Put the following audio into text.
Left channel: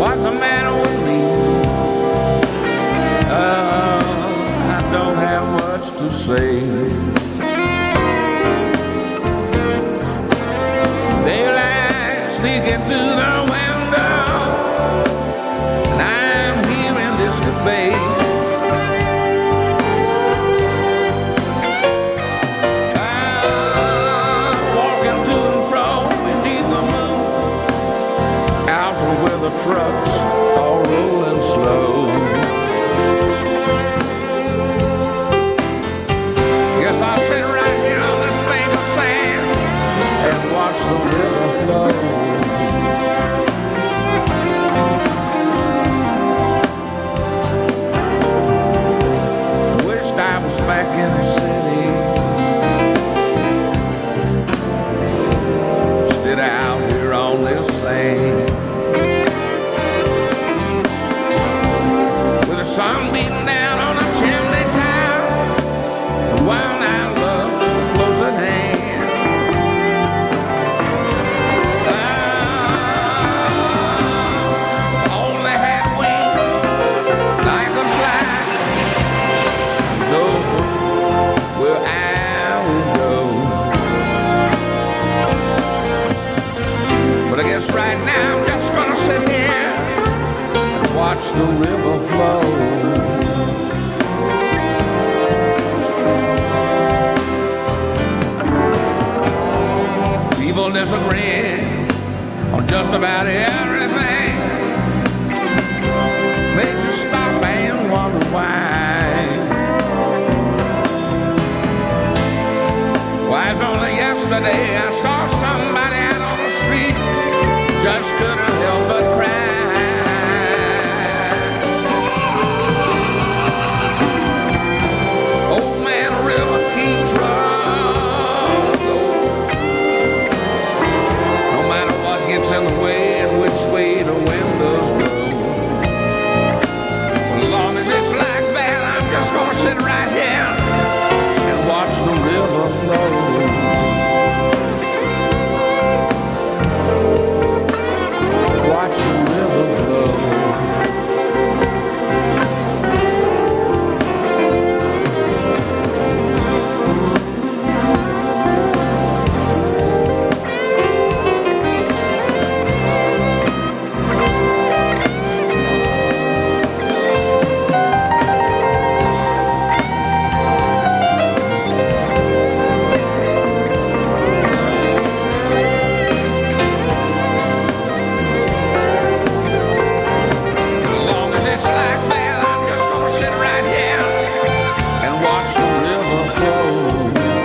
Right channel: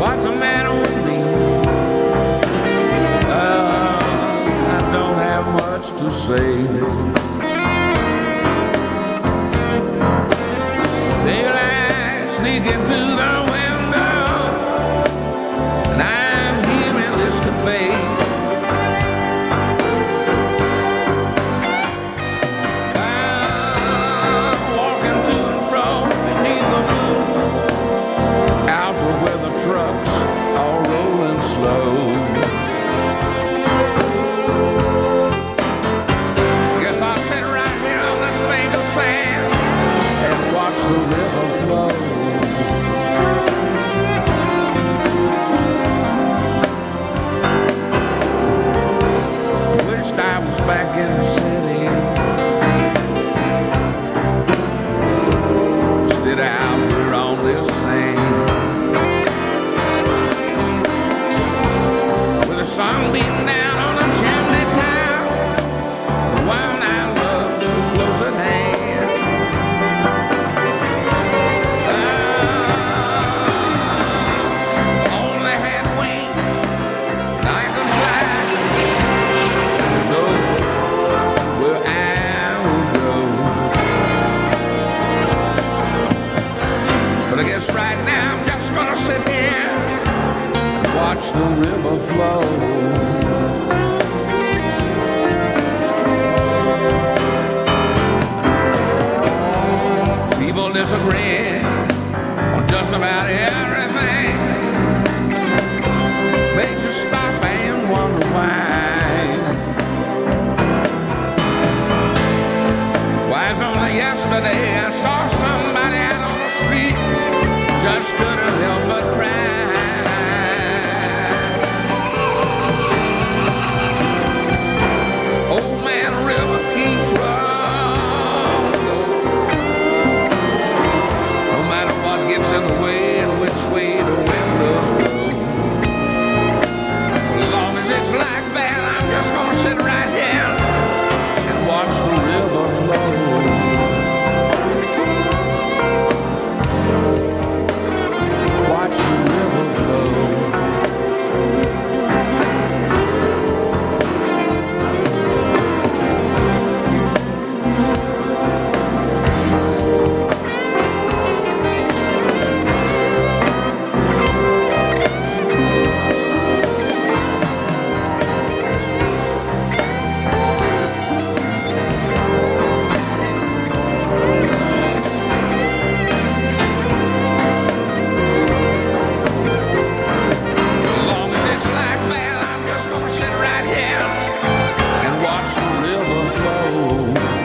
What's the matter with me? I don't have much to say. Daylight sneaking through the window, and I'm here in this cafe. Walking to and fro beneath the moon, out to where the trucks are rolling slow. Guess I'll sit right here on this bank of sand and watch the river flow. I wished I was back in the city, instead out here on this sand, with the sun beating down on a chimney top, the wild out love so close at hand. If I only had wings and I could fly, you know where I would go. But I guess right now I'm just gonna sit here and watch the river flow. People disagree on just about everything. Makes you stop and wonder why. Why, it's only yesterday I saw somebody out on the street, just couldn't help but cry. Old man river keeps running, no matter what gets in the way and which way the wind does blow. Well, as long as it's like that, I'm just gonna sit right here and watch the river flow. Watch the river flow. Watch the river flow.